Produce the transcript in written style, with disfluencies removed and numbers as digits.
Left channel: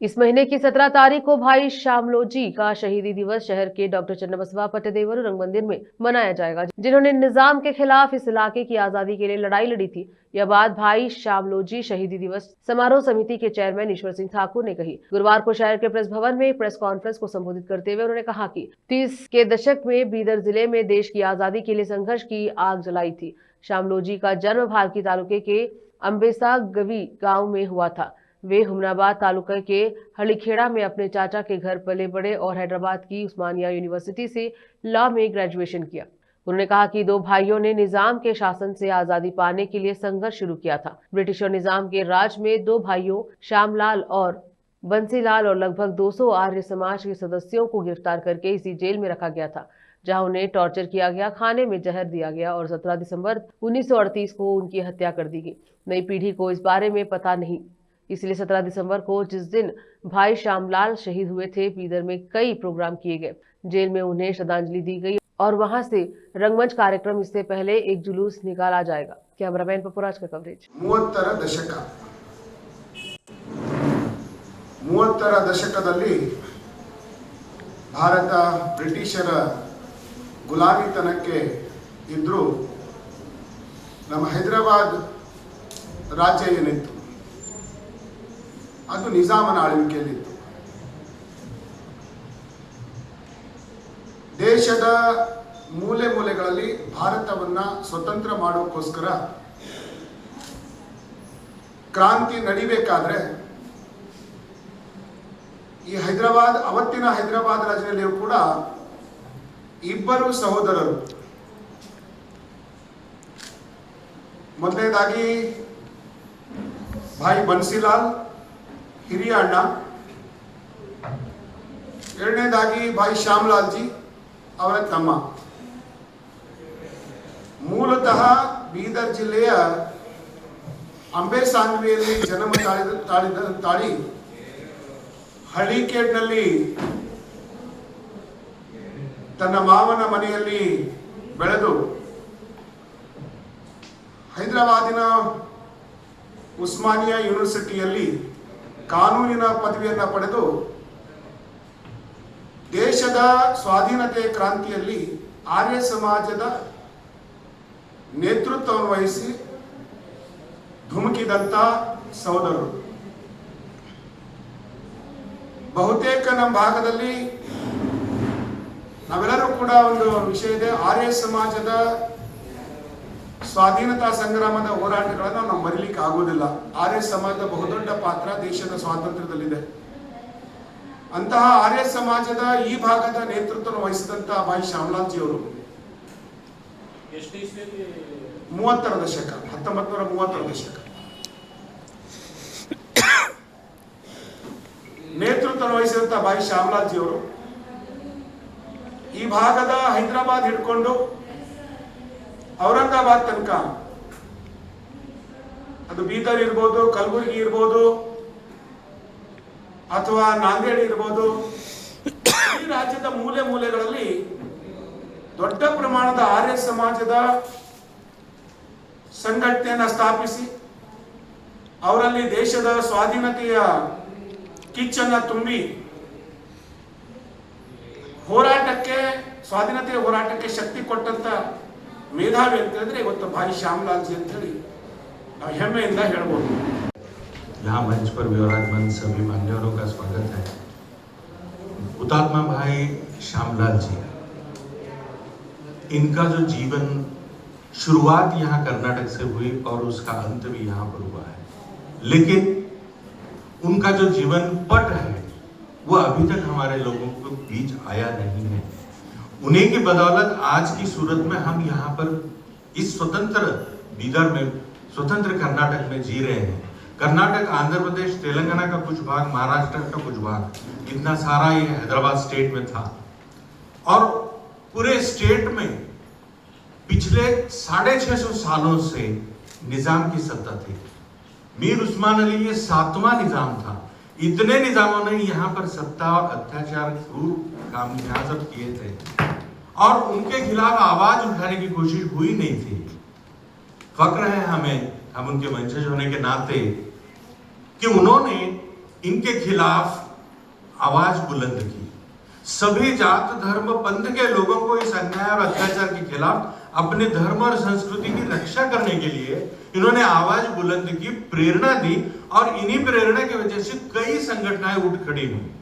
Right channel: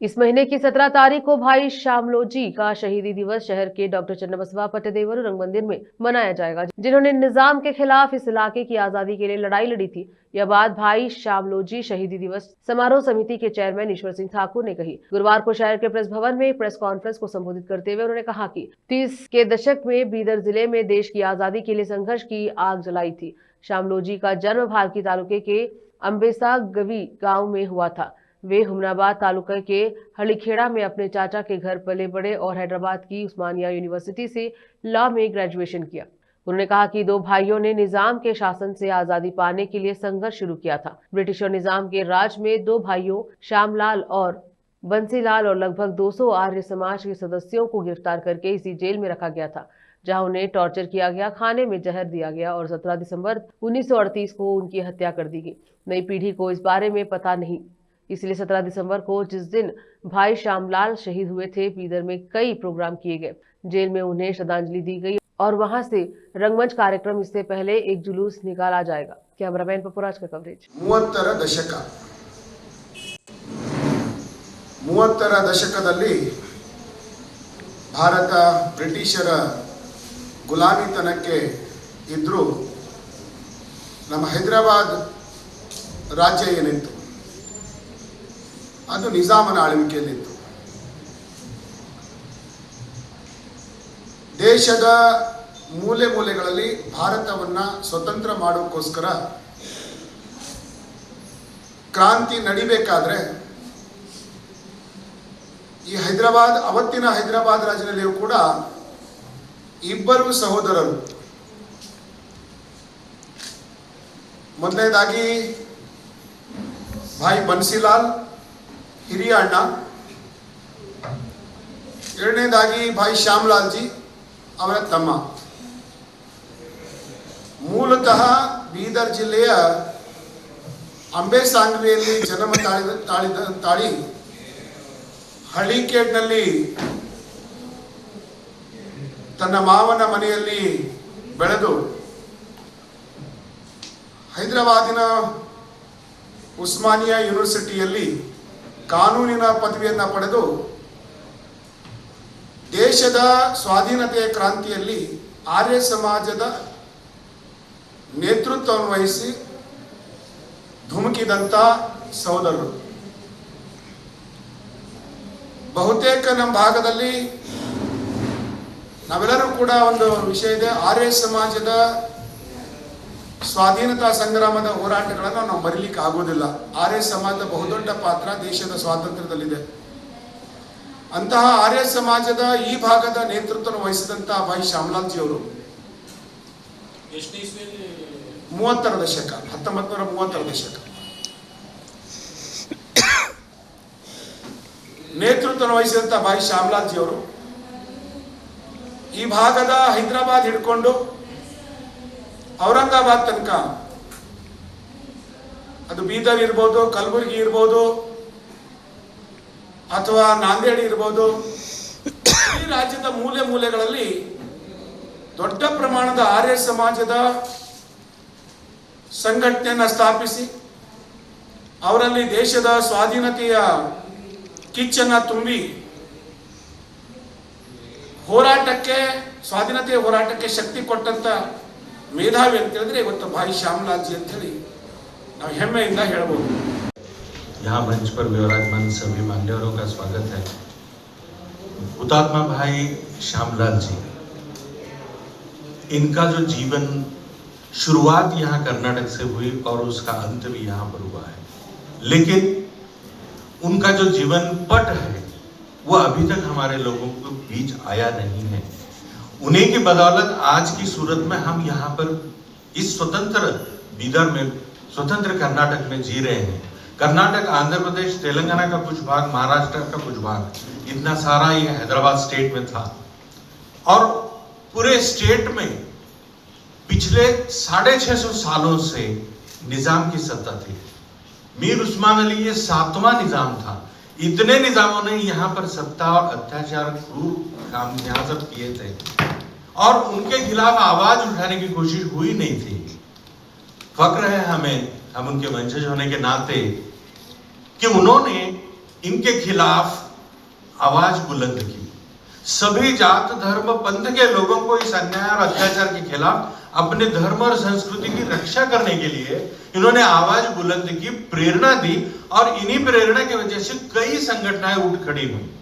इस महीने की 17 तारीख को भाई शामलोजी का शहीदी दिवस शहर के डॉक्टर चन्नबसवा पट्टदेवरू रंग मंदिर में मनाया जाएगा, जिन्होंने निजाम के खिलाफ इस इलाके की आजादी के लिए लड़ाई लड़ी थी। यह बात भाई शामलोजी शहीदी दिवस समारोह समिति के चेयरमैन ईश्वर सिंह ठाकुर ने कही। गुरुवार को शहर के प्रेस भवन में एक प्रेस कॉन्फ्रेंस को संबोधित करते हुए उन्होंने कहा कि 30 के दशक में बीदर जिले में देश की आजादी के लिए संघर्ष की आग जलाई थी। शामलोजी का जन्म भालकी तालुके के अम्बेसा गवी गाँव में हुआ था। वे हुमनाबाद तालुका के हलीखेड़ा में अपने चाचा के घर पले बड़े और हैदराबाद की उस्मानिया यूनिवर्सिटी से लॉ में ग्रेजुएशन किया। उन्होंने कहा कि दो भाइयों ने निजाम के शासन से आजादी पाने के लिए संघर्ष शुरू किया था। ब्रिटिश और निजाम के राज में दो भाइयों श्यामलाल और बंसीलाल और लगभग 200 आर्य समाज के सदस्यों को गिरफ्तार करके इसी जेल में रखा गया था, जहां उन्हें टॉर्चर किया गया, खाने में जहर दिया गया और 17 दिसंबर 1938 को उनकी हत्या कर दी गई। नई पीढ़ी को इस बारे में पता नहीं, इसलिए 17 दिसंबर को जिस दिन भाई श्यामलाल शहीद हुए थे, बीदर में कई प्रोग्राम किए गए। जेल में उन्हें श्रद्धांजलि दी गई और वहां से रंगमंच कार्यक्रम, इससे पहले एक जुलूस निकाला जाएगा। कैमरामैन पपुराज का कवरेज। 30ರ ದಶಕದಲ್ಲಿ ಭಾರತ ಬ್ರಿಟಿಷರ ಗುಲಾಮಿತನಕ್ಕೆ ಇದ್ರೂ ನಮ್ಮ ಹೈದರಾಬಾದ್ ರಾಜ್ಯ ಏನಿತ್ತು ಅದು ನಿಜಾಮನ ಆಳ್ವಿಕೆಯಲ್ಲಿತ್ತು. ದೇಶದ ಮೂಲೆ ಮೂಲೆಗಳಲ್ಲಿ ಭಾರತವನ್ನ ಸ್ವತಂತ್ರ ಮಾಡೋಕ್ಕೋಸ್ಕರ ಕ್ರಾಂತಿ ನಡಿಬೇಕಾದ್ರೆ ಈ ಹೈದರಾಬಾದ್, ಅವತ್ತಿನ ಹೈದರಾಬಾದ್ ರಾಜ್ಯದಲ್ಲಿಯೂ ಕೂಡ ಇಬ್ಬರು ಸಹೋದರರು, ಮೊದಲನೇದಾಗಿ ಭಾಯಿ ಬನ್ಸಿಲಾಲ್ ಹಿರಿಯ ಅಣ್ಣ, ಎರಡನೇದಾಗಿ ಭಾಯಿ ಶ್ಯಾಮಲಾಲ್ ಜಿ ಅವರ ತಮ್ಮ. ಮೂಲತಃ ಬೀದರ್ ಜಿಲ್ಲೆಯ ಅಂಬೇಸಾಂಗ್ರೆಯಲ್ಲಿ ಜನ್ಮ ತಾಳಿ ಹಳಿಕೇಡ್ನಲ್ಲಿ ತನ್ನ ಮಾವನ ಮನೆಯಲ್ಲಿ ಬೆಳೆದು ಹೈದರಾಬಾದಿನ ಉಸ್ಮಾನಿಯಾ ಯೂನಿವರ್ಸಿಟಿಯಲ್ಲಿ ಕಾನೂನಿನ ಪದವಿಯನ್ನು ಪಡೆದು ದೇಶದ ಸ್ವಾಧೀನತೆಯ ಕ್ರಾಂತಿಯಲ್ಲಿ ಆರ್ಯ ಸಮಾಜದ ನೇತೃತ್ವವನ್ನು ವಹಿಸಿ ಧುಮುಕಿದಂತ ಸಹೋದರರು. ಬಹುತೇಕ ನಮ್ಮ ಭಾಗದಲ್ಲಿ ನಾವೆಲ್ಲರೂ ಕೂಡ ಒಂದು ವಿಷಯ ಇದೆ, ಆರ್ಯ ಸಮಾಜದ ಸ್ವಾಧೀನತಾ ಸಂಗ್ರಾಮದ ಹೋರಾಟಗಳನ್ನು ನಾವು ಮರಿಲಿಕ್ಕೆ ಆಗೋದಿಲ್ಲ. ಆರ್ಯ ಸಮಾಜದ ಬಹುದೊಡ್ಡ ಪಾತ್ರ ದೇಶದ ಸ್ವಾತಂತ್ರ್ಯದಲ್ಲಿದೆ. ಅಂತಹ ಆರ್ಯ ಸಮಾಜದ ಈ ಭಾಗದ ನೇತೃತ್ವ ವಹಿಸಿದಂತಹ ಭಾಯಿ ಶ್ಯಾಮಲಾಲ್ ಜಿ ಅವರು 30ರ ದಶಕ 1930ರ ದಶಕ ನೇತೃತ್ವ ವಹಿಸಿದಂತ ಭಾಯಿ ಶ್ಯಾಮಲಾಲ್ ಜಿ ಅವರು ಈ ಭಾಗದ ಹೈದರಾಬಾದ್ ಹಿಡ್ಕೊಂಡು ಔರಂಗಾಬಾದ್ ತನಕ, ಅದು ಬೀದರ್ ಇರ್ಬೋದು, ಕಲಬುರಗಿ ಇರ್ಬೋದು, ಅಥವಾ ನಾಂದೇಡ್ ಇರ್ಬೋದು, ಈ ರಾಜ್ಯದ ಮೂಲೆ ಮೂಲೆಗಳಲ್ಲಿ ದೊಡ್ಡ ಪ್ರಮಾಣದ ಆರ್ಯ ಸಮಾಜದ ಸಂಘಟನೆಯನ್ನು ಸ್ಥಾಪಿಸಿ ಅವರಲ್ಲಿ ದೇಶದ ಸ್ವಾಧೀನತೆಯ ಕಿಚ್ಚನ್ನ ತುಂಬಿ ಹೋರಾಟಕ್ಕೆ, ಸ್ವಾಧೀನತೆಯ ಹೋರಾಟಕ್ಕೆ ಶಕ್ತಿ ಕೊಟ್ಟಂತ ಮೇಧಾವಿ ಅಂತ ಹೇಳಿದ್ರೆ ಇವತ್ತು ಭಾಯಿ ಶ್ಯಾಮಲಾಲ್ ಜಿ ಅಂತ ಹೇಳಿ ನಾವು ಹೆಮ್ಮೆಯಿಂದ ಹೇಳ್ಬೋದು. यहाँ मंच पर विराजमान सभी मान्यवरों का स्वागत है। हुतात्मा भाई श्यामलाल जी, इनका जो जीवन शुरुआत यहाँ कर्नाटक से हुई और उसका अंत भी यहाँ पर हुआ है, लेकिन उनका जो जीवन पट है वो अभी तक हमारे लोगों के बीच आया नहीं है। उन्हीं की बदौलत आज की सूरत में हम यहाँ पर इस स्वतंत्र बीदर में, स्वतंत्र कर्नाटक में जी रहे हैं। कर्नाटक, आंध्र प्रदेश, तेलंगाना का कुछ भाग, महाराष्ट्र का कुछ भाग, इतना सारा ये हैदराबाद स्टेट में था और पूरे स्टेट में पिछले 650 सालों से निजाम की सत्ता थी। मीर उस्मान अली ये 7वां निजाम था। इतने निजामों ने यहाँ पर सत्ता और अत्याचार, क्रूर काम यहाँ सब किए थे और उनके खिलाफ आवाज उठाने की कोशिश हुई नहीं थी। फक्र है हमें, हम उनके वंशज होने के नाते, कि उन्होंने इनके खिलाफ आवाज बुलंद की। सभी जात धर्म पंथ के लोगों को इस अन्याय और अत्याचार के खिलाफ अपने धर्म और संस्कृति की रक्षा करने के लिए इन्होंने आवाज बुलंद की, प्रेरणा दी और इन्हीं प्रेरणा की वजह से कई संगठनें उठ खड़ी हुई।